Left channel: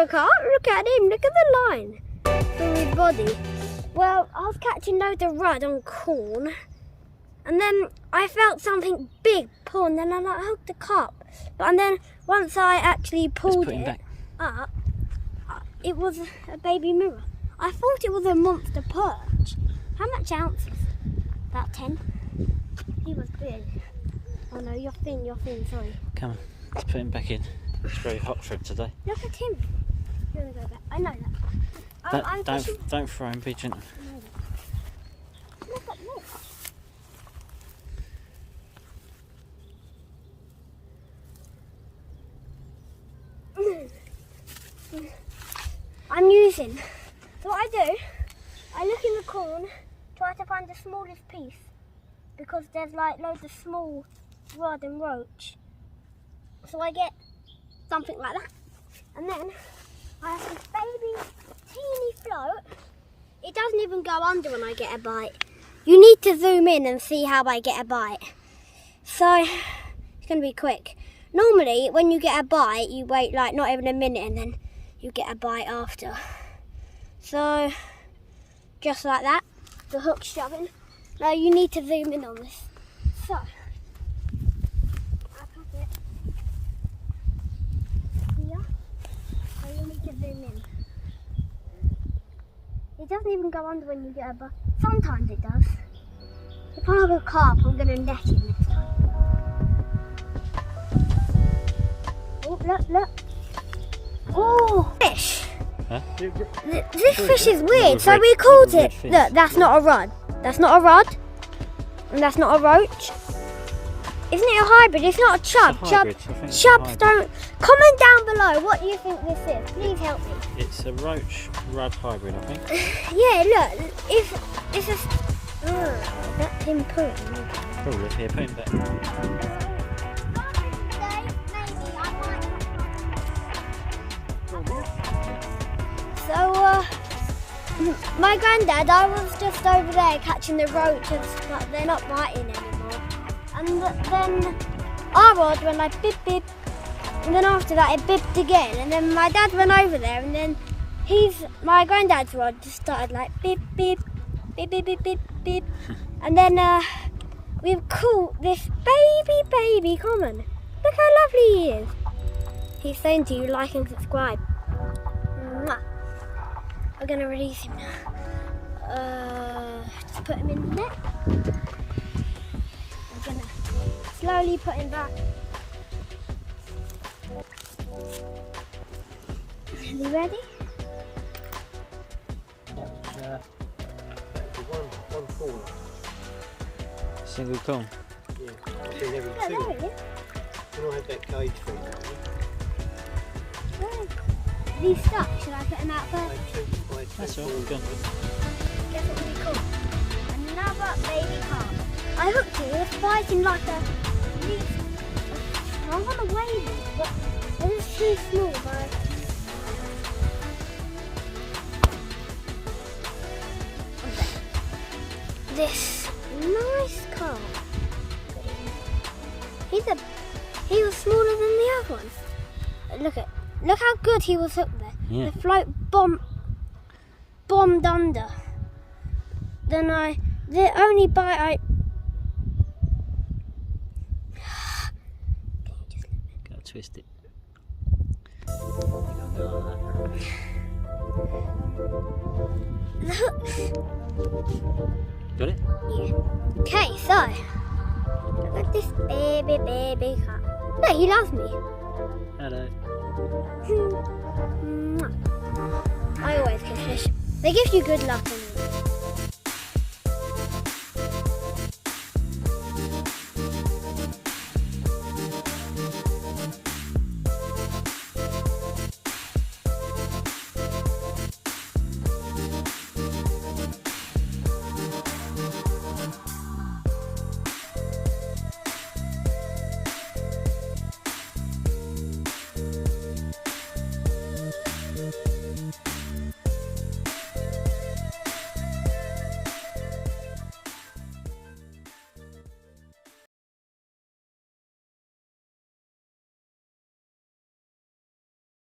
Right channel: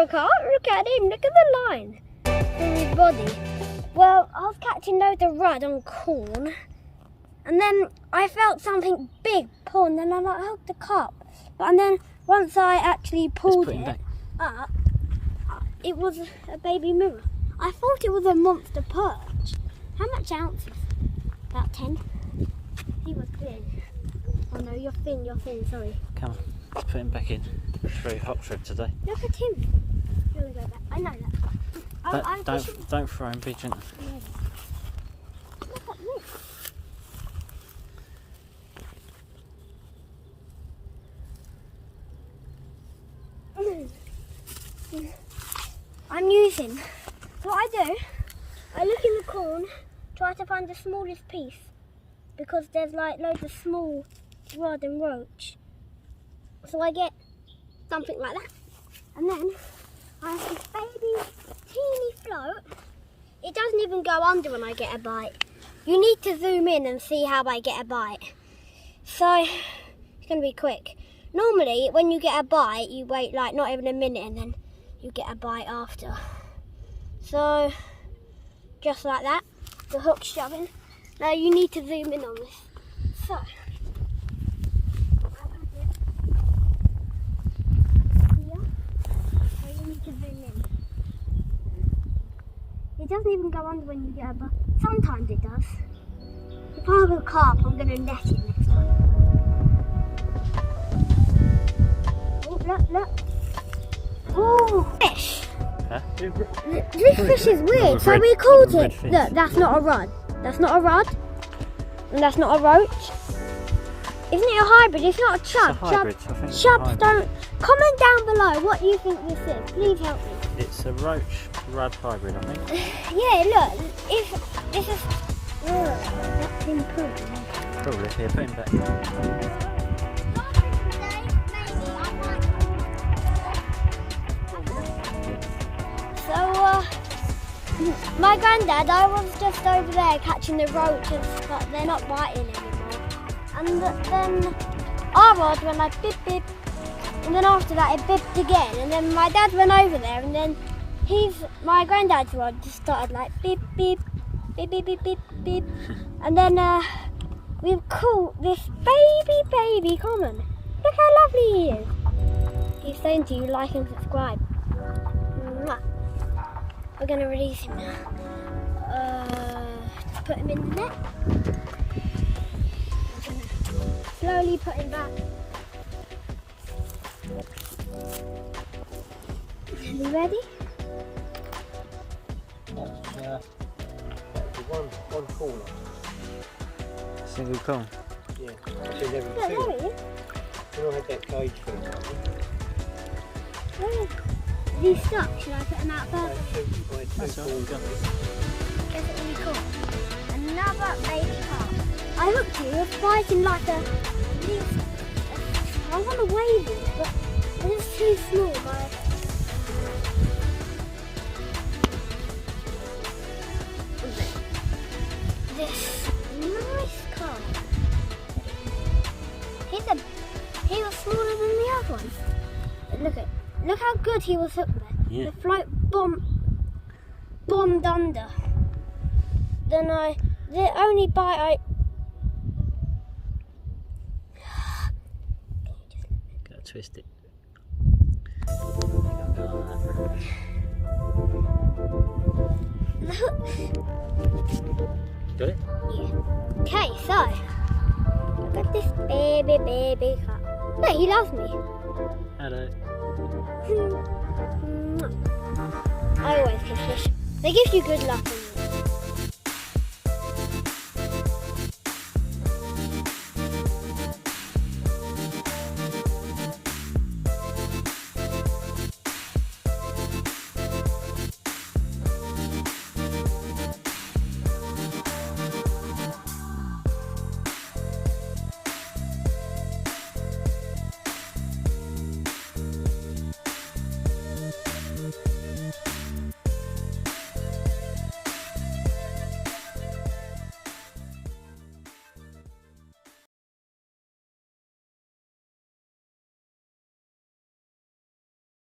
for a carp. Look at him. Look at the line through his body. Well, I was catching loads of rudd on corn, and then I felt something big pull, and then I hooked the carp. And then once I actually pulled it up, it was a baby mirror. I thought it was a monster perch. How much ounces? About 10. He was big. Oh no, you're thin, sorry. Come on, let's put him back in. It's very hot for him today. Look at him. You're gonna go back. I know that. Don't throw him, be gentle. I know that. Look at this. I'm using. What I do, I look in the corn, try to find the smallest piece, because there's like loads of small rod and roach. So I get something like that, and then I have this baby teeny float. It doesn't even go under when I get a bite. You need to zoom in and see how I get a bite. So it's gonna be quick. Normally when you get a bite, you wait like not even a minute and then you get a bite after. So just like that, the hook shoving. Now you need to zoom in on this. So it doesn't even go under when you get a bite. Sometimes it does. If I have a carp, I'm going to net it next time. Oh, look. Oh, fish. Huh? This fish is weird, so we called it. Look, that's not a rudd. That's not a rudd. And that's not a roach. Isn't it a hybrid? It's not a chub. It's a hybrid. Chubs don't. Comment down below what you think this is. Please help me. It's a roach rudd hybrid, I think. Yeah, look. It's just. That's important. Probably. Here, put him back. So, my granddad, I was just over there catching the roaches, but they're not biting anymore. And then our rod went like beep beep, and then after that it beeped again, and then my dad went over there, and then my granddad's rod just started like beep beep, beep beep beep beep beep, and then we've caught this baby common. Look how lovely he is. He's saying to you, like and subscribe. Mwah. We're gonna release him now. Just put him in the net. Slowly put him back. Are you ready? One corner. Single cone. Yeah. Every two. When I had that cage thing Where is he stuck? Should I put him out first? That's all we've done. Guess what we caught? Another baby carp. I hooked him, he was biting like a... I want to wave it, but it's too small. This nice carp. He was smaller than the other one. Look how good he was hooked there. Yeah. The float bombed under. Then the only bite Gotta twist it. You can't go like that. Got it? Yeah. Okay, so look at this baby carp. Look, he loves me. Hello. I always catch fish. They give you good luck.